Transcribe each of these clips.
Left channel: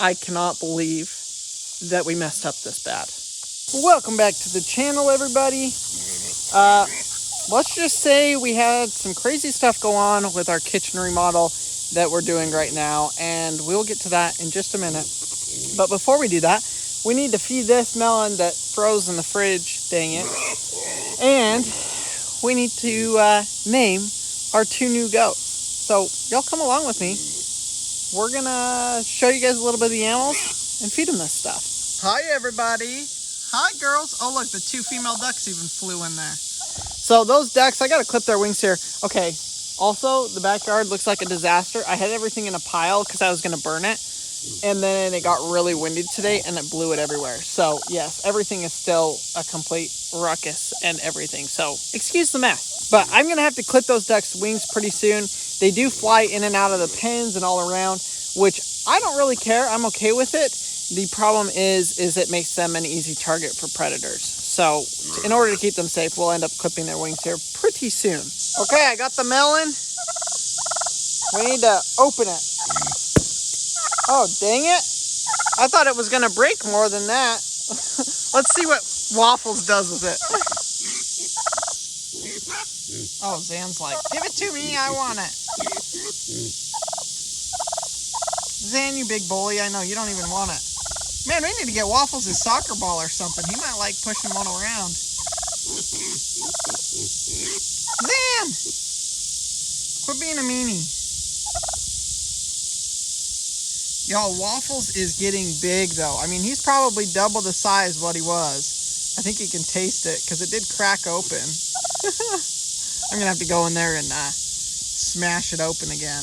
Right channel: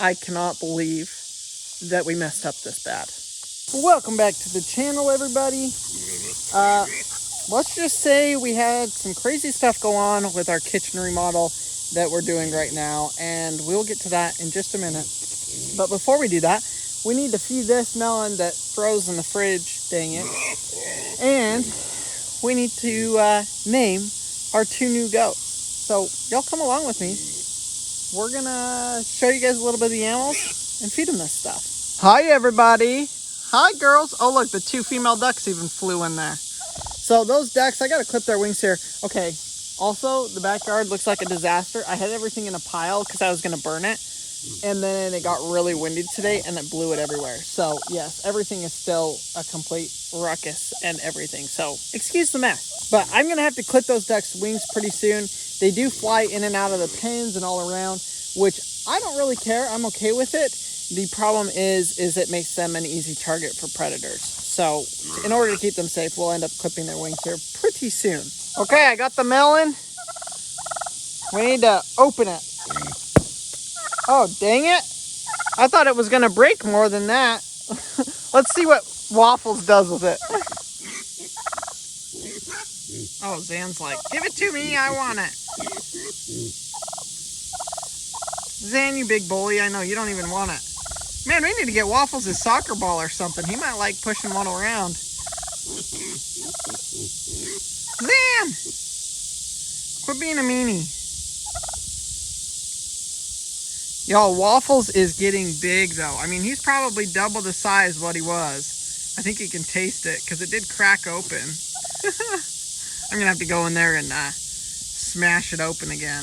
I cannot believe that we messed up this bad. Welcome back to the channel, everybody. Let's just say we had some crazy stuff go on with our kitchen remodel that we're doing right now, and we'll get to that in just a minute. But before we do that, we need to feed this melon that froze in the fridge, dang it. And we need to name our 2 new goats. So y'all come along with me. We're gonna show you guys a little bit of the animals and feed them this stuff. Hi everybody. Hi girls. Oh look, the 2 female ducks even flew in there. So those ducks, I gotta clip their wings here. Okay, also the backyard looks like a disaster. I had everything in a pile because I was gonna burn it. And then it got really windy today and it blew it everywhere. So yes, everything is still a complete ruckus and everything. So excuse the mess. But I'm gonna have to clip those ducks' wings pretty soon. They do fly in and out of the pens and all around, which I don't really care. I'm okay with it. The problem is it makes them an easy target for predators. So in order to keep them safe, we'll end up clipping their wings here pretty soon. Okay, I got the melon. We need to open it. Oh, dang it. I thought it was going to break more than that. Let's see what Waffles does with it. Oh, Zan's like, give it to me, I want it. Zan, you big bully, I know, you don't even want it. Man, we need to get Waffles a soccer ball or something. He might like pushing one around. Zan! Quit being a meanie. Y'all, Waffles is getting big though. I mean, he's probably double the size of what he was. I think you can taste it because it did crack open. I'm gonna have to go in there and smash it open again.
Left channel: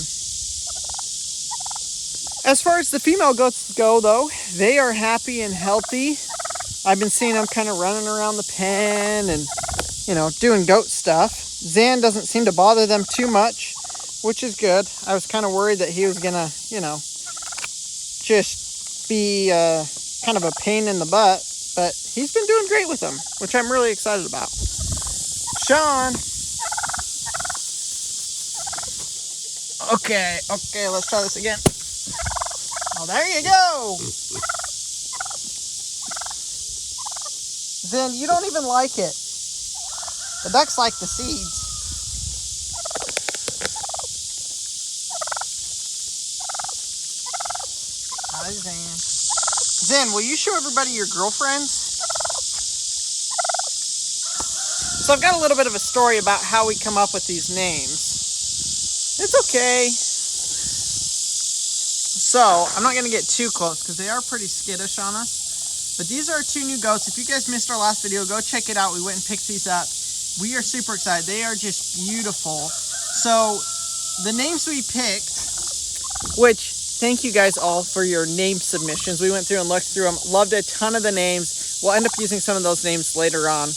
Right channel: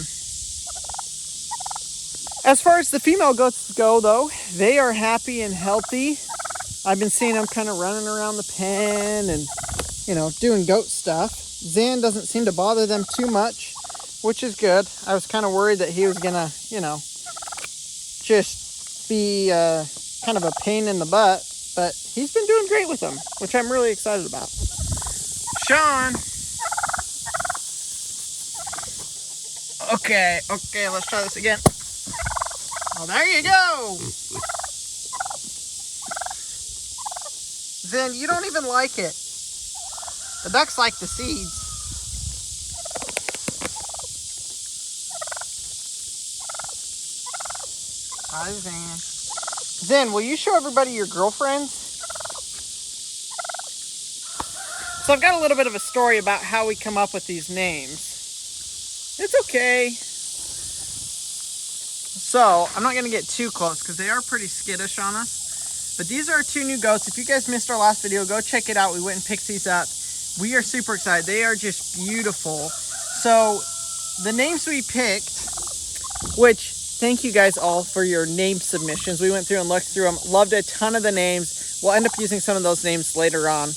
As far as the female goats go though, they are happy and healthy. I've been seeing them kind of running around the pen and, you know, doing goat stuff. Zan doesn't seem to bother them too much, which is good. I was kind of worried that he was gonna, you know, just be kind of a pain in the butt, but he's been doing great with them, which I'm really excited about. Sean. Okay, let's try this again. Oh, there you go. Zen, you don't even like it. The ducks like the seeds. Hi, Zen. Zen, will you show everybody your girlfriends? So I've got a little bit of a story about how we come up with these names. It's okay. So I'm not going to get too close because they are pretty skittish on us. But these are our 2 new goats. If you guys missed our last video, go check it out. We went and picked these up. We are super excited. They are just beautiful. So the names we picked, which thank you guys all for your name submissions. We went through and looked through them. Loved a ton of the names. We'll end up using some of those names later on.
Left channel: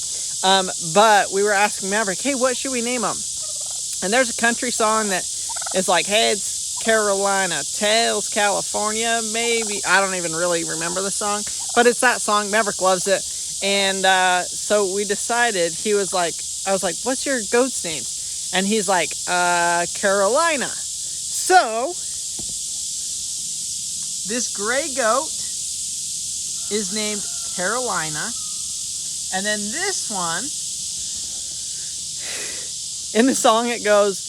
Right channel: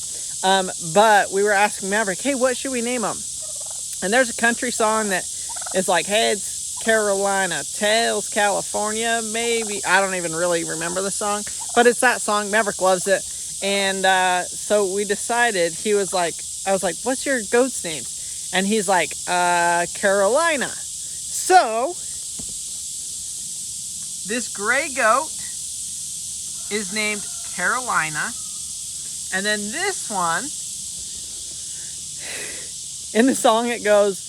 But we were asking Maverick, hey, what should we name them? And there's a country song that is like Heads Carolina, Tails California, maybe. I don't even really remember the song. But it's that song. Maverick loves it. And so we decided, I was like, what's your goat's name? And he's like, Carolina. So this gray goat is named Carolina. And then this one, in the song it goes,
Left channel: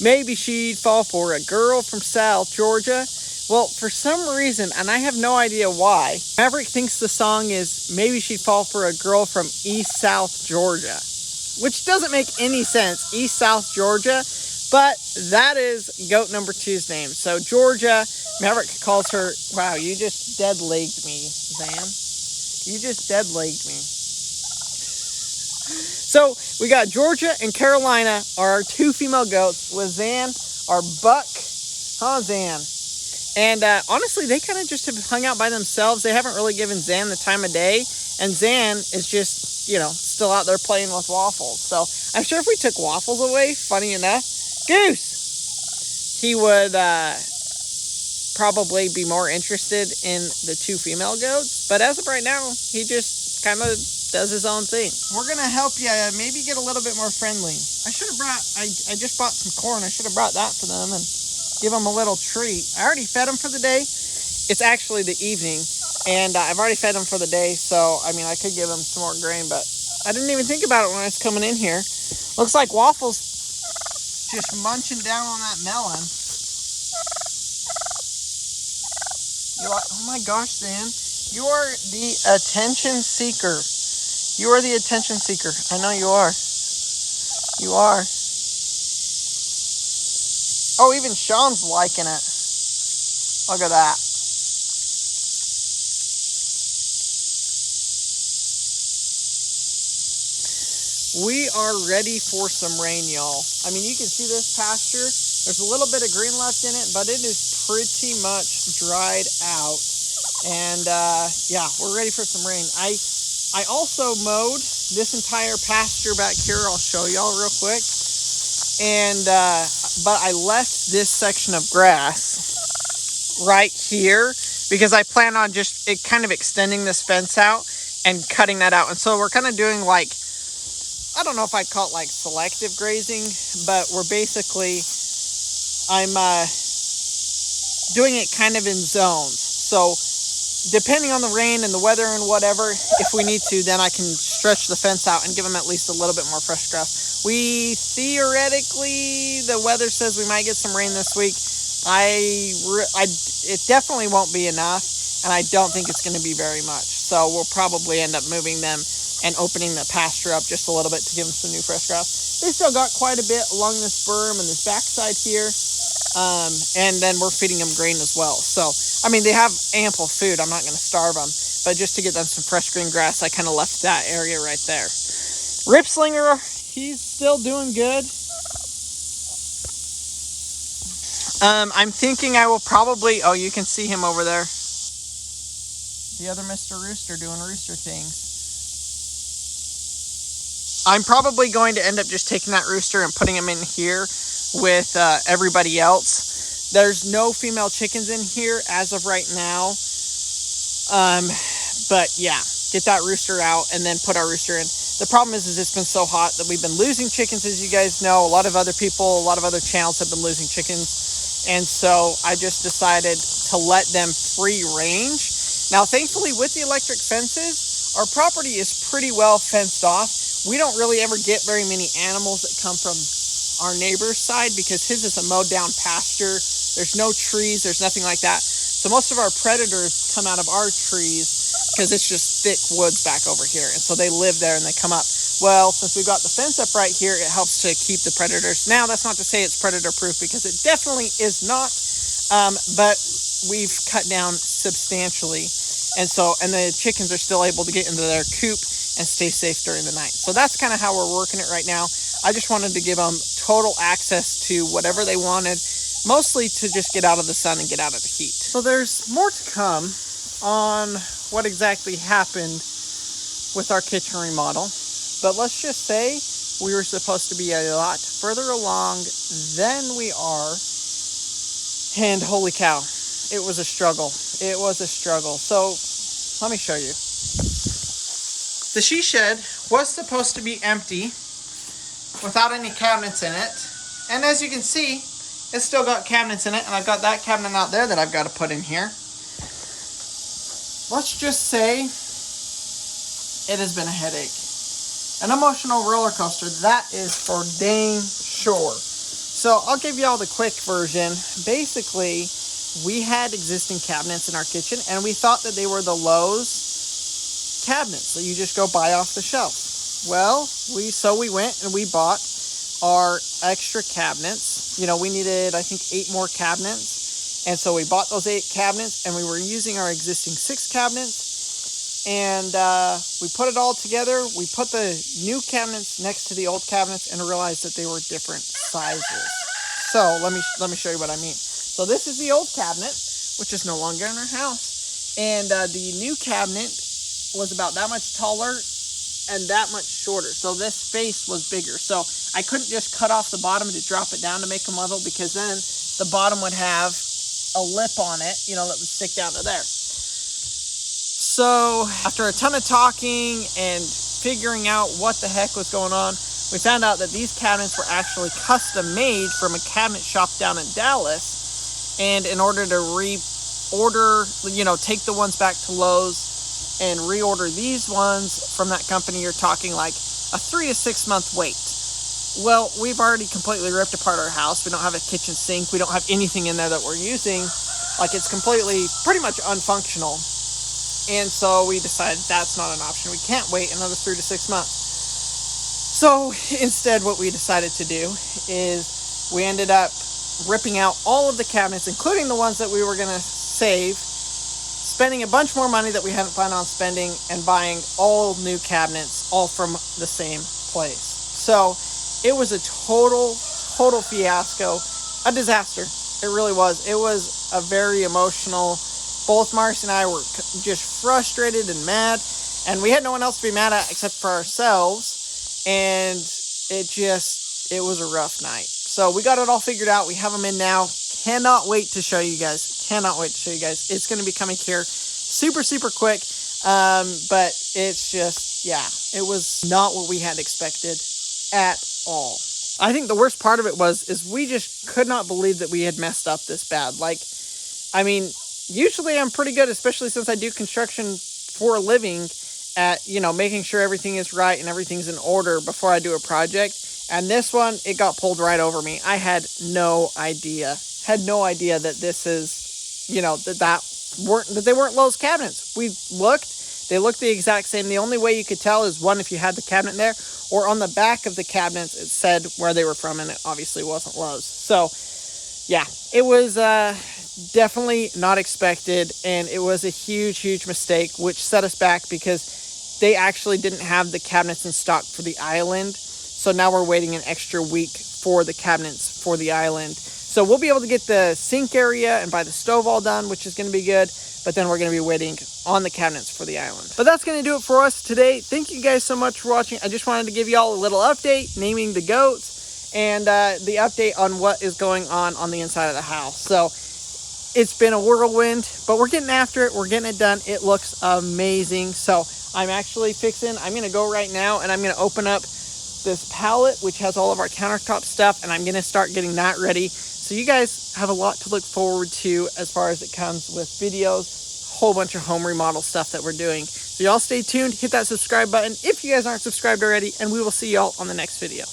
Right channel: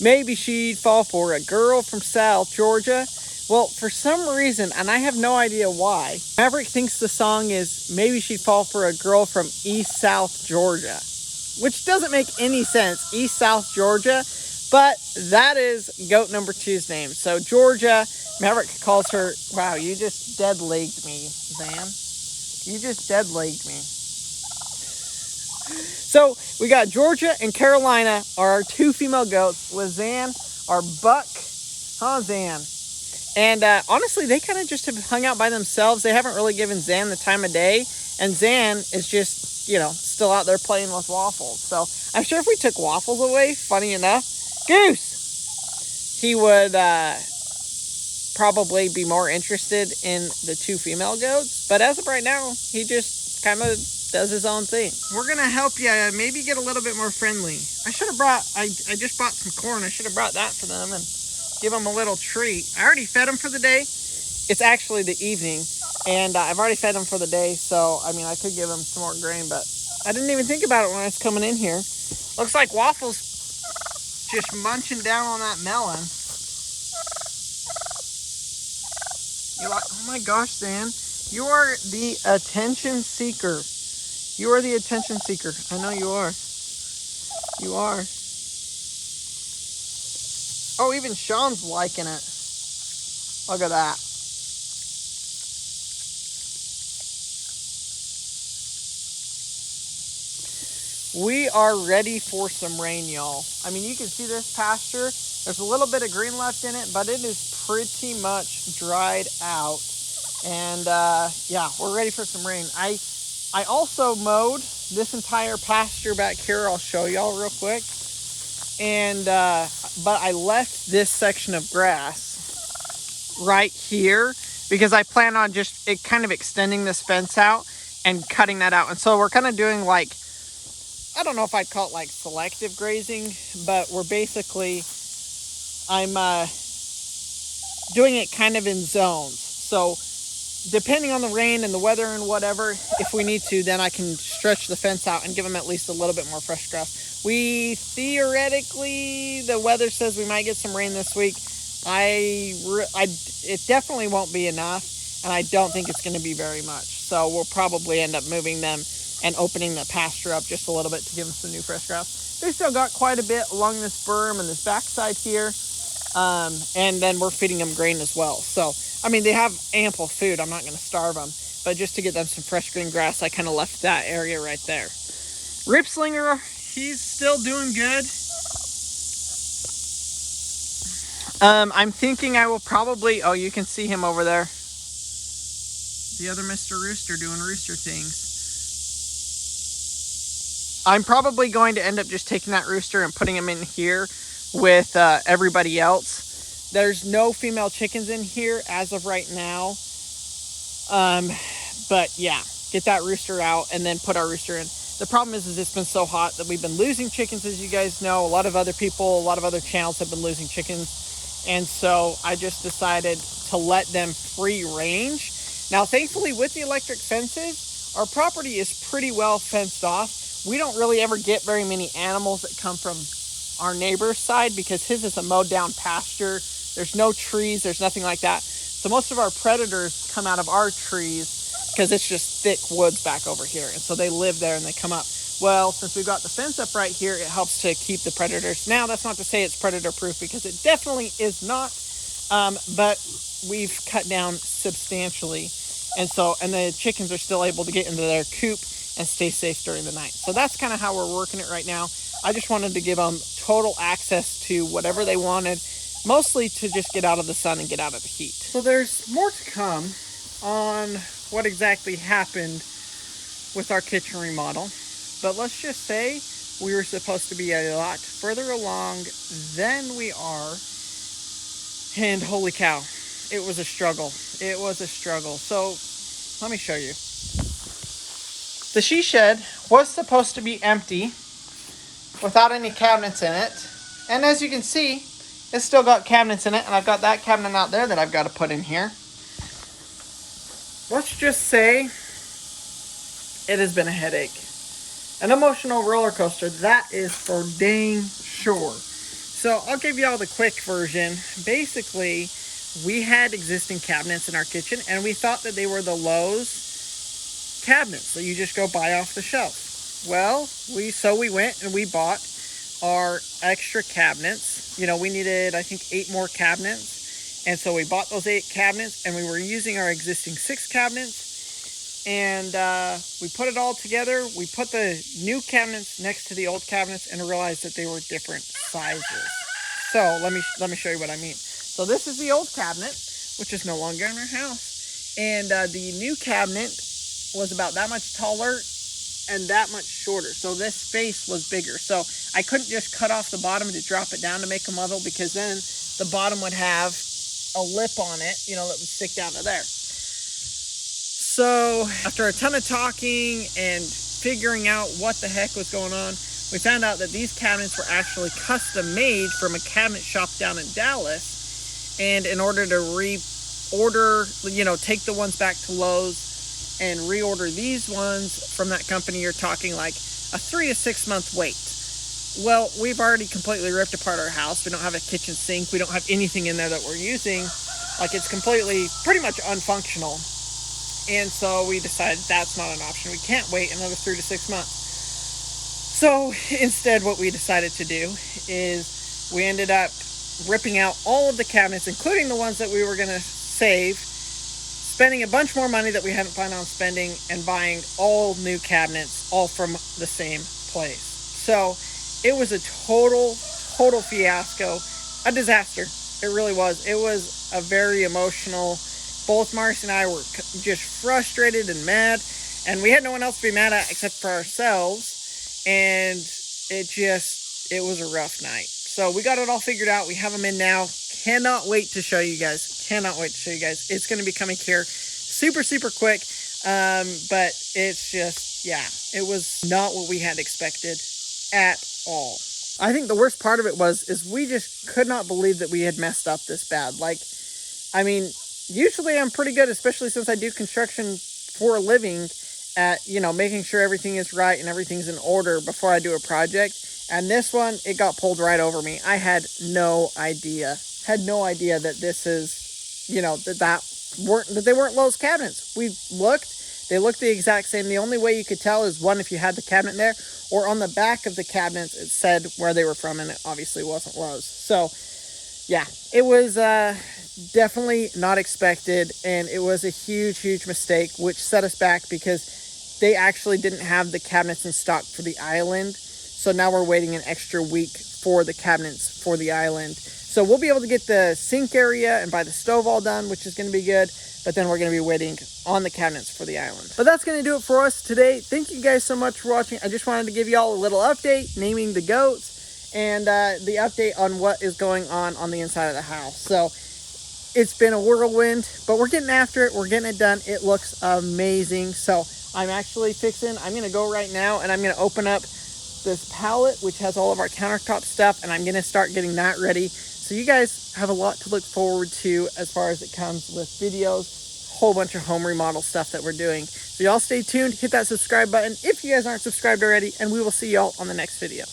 maybe she'd fall for a girl from South Georgia. Well, for some reason, and I have no idea why, Maverick thinks the song is maybe she'd fall for a girl from East South Georgia, which doesn't make any sense, East South Georgia, but that is goat number 2's name. So Georgia, Maverick calls her, wow, you just dead-legged me, Zan. You just dead-legged me. So we got Georgia and Carolina are our 2 female goats with Zan, our buck. Huh, Zan? And honestly, they kind of just have hung out by themselves. They haven't really given Zan the time of day. And Zan is just, you know, still out there playing with Waffles. So I'm sure if we took Waffles away, funny enough, Goose, he would probably be more interested in the 2 female goats. But as of right now, he just kind of does his own thing. We're going to help you maybe get a little bit more friendly. I just bought some corn. I should have brought that for them. And give them a little treat. I already fed them for the day. It's actually the evening, and I've already fed them for the day, so, I mean, I could give them some more grain, but I didn't even think about it when I was coming in here. Looks like Waffle's just munching down on that melon. Oh my gosh, Dan. You are the attention seeker. You are the attention seeker. I know you are. You are. Oh, even Sean's liking it. Look at that. We are ready for some rain, y'all. I mean, you can see this pasture. There's a little bit of green left in it, but it is pretty much dried out. And yeah, we're ready for some rain. I also mowed this entire pasture back here. I'll show y'all real quick. And but I left this section of grass right here because I plan on just kind of extending this fence out and cutting that out. And so we're kind of doing like, I don't know if I'd call it like selective grazing, but we're basically, I'm doing it kind of in zones. So depending on the rain and the weather and whatever, if we need to, then I can stretch the fence out and give them at least a little bit more fresh grass. We theoretically, the weather says we might get some rain this week. It definitely won't be enough, and I don't think it's going to be very much. So we'll probably end up moving them and opening the pasture up just a little bit to give them some new fresh grass. They still got quite a bit along this berm and this backside here. And then we're feeding them grain as well. So, I mean, they have ample food. I'm not going to starve them. But just to get them some fresh green grass, I kind of left that area right there. Ripslinger, he's still doing good. I'm thinking I will probably... Oh, you can see him over there. The other Mr. Rooster doing rooster things. I'm probably going to end up just taking that rooster and putting him in here with everybody else. There's no female chickens in here as of right now. But yeah, get that rooster out and then put our rooster in. The problem is it's been so hot that we've been losing chickens, as you guys know. A lot of other people, a lot of other channels have been losing chickens. And so I just decided to let them free range. Now, thankfully, with the electric fences, our property is pretty well fenced off. We don't really ever get very many animals that come from our neighbor's side because his is a mowed down pasture. There's no trees, there's nothing like that. So most of our predators come out of our trees because it's just thick woods back over here. And so they live there and they come up. Well, since we've got the fence up right here, it helps to keep the predators. Now, that's not to say it's predator proof because it definitely is not. But we've cut down substantially. And the chickens are still able to get into their coop and stay safe during the night. So that's kind of how we're working it right now. I just wanted to give them total access to whatever they wanted, mostly to just get out of the sun and get out of the heat. So there's more to come on what exactly happened with our kitchen remodel. But let's just say we were supposed to be a lot further along than we are. And holy cow, it was a struggle. It was a struggle. So let me show you. The she shed was supposed to be empty without any cabinets in it. And as you can see, it's still got cabinets in it. And I've got that cabinet out there that I've got to put in here. Let's just say it has been a headache. An emotional roller coaster, that is for dang sure. So I'll give you all the quick version. Basically, we had existing cabinets in our kitchen and we thought that they were the Lowe's cabinets that you just go buy off the shelf. Well, we went and we bought our extra cabinets. You know, we needed, I think, 8 more cabinets. And so we bought those 8 cabinets and we were using our existing 6 cabinets. And we put it all together. We put the new cabinets next to the old cabinets and realized that they were different sizes. So let me show you what I mean. So this is the old cabinet, which is no longer in our house. And the new cabinet was about that much taller and that much shorter. So this space was bigger. So I couldn't just cut off the bottom to drop it down to make them level because then the bottom would have a lip on it, you know, that would stick down to there. So after a ton of talking and figuring out what the heck was going on, we found out that these cabinets were actually custom made from a cabinet shop down in Dallas. And in order to reorder, take the ones back to Lowe's and reorder these ones from that company, you're talking like a 3 to 6 month wait. Well, we've already completely ripped apart our house. We don't have a kitchen sink. We don't have anything in there that we're using. Like, it's completely, pretty much unfunctional. And so we decided that's not an option. We can't wait another 3 to 6 months. So instead, what we decided to do is we ended up ripping out all of the cabinets, including the ones that we were going to save, spending a bunch more money that we hadn't planned on spending, and buying all new cabinets, all from the same place. So it was a total fiasco, a disaster. It really was. It was a very emotional. Both Marcy and I were just frustrated and mad, and we had no one else to be mad at except for ourselves. And it was a rough night. So we got it all figured out. We have them in now. Cannot wait to show you guys. It's going to be coming here super quick. But it's just, it was not what we had expected at all. I think the worst part of it is we just could not believe that we had messed up this bad. Like, I mean, usually I'm pretty good, especially since I do construction for a living, at, making sure everything is right and everything's in order before I do a project. And this one, it got pulled right over me. I had no idea that this is, that they weren't Lowe's cabinets. They looked the exact same. The only way you could tell is, one, if you had the cabinet there, or on the back of the cabinets, it said where they were from, and it obviously wasn't Lowe's. So, yeah, it was definitely not expected, and it was a huge mistake, which set us back because they actually didn't have the cabinets in stock for the island. So now we're waiting an extra week for the cabinets for the island. So we'll be able to get the sink area and buy the stove all done, which is going to be good. But then we're going to be waiting on the cabinets for the island. But that's going to do it for us today. Thank you guys so much for watching. I just wanted to give y'all a little update, naming the goats, and the update on what is going on the inside of the house. So it's been a whirlwind, but we're getting after it. We're getting it done. It looks amazing. So I'm going to go right now, and I'm going to open up this pallet, which has all of our countertop stuff, and I'm going to start getting that ready. So you guys have a lot to look forward to as far as it comes with videos, whole bunch of home remodel stuff that we're doing. So y'all stay tuned, hit that subscribe button if you guys aren't subscribed already, and we will see y'all on the next video.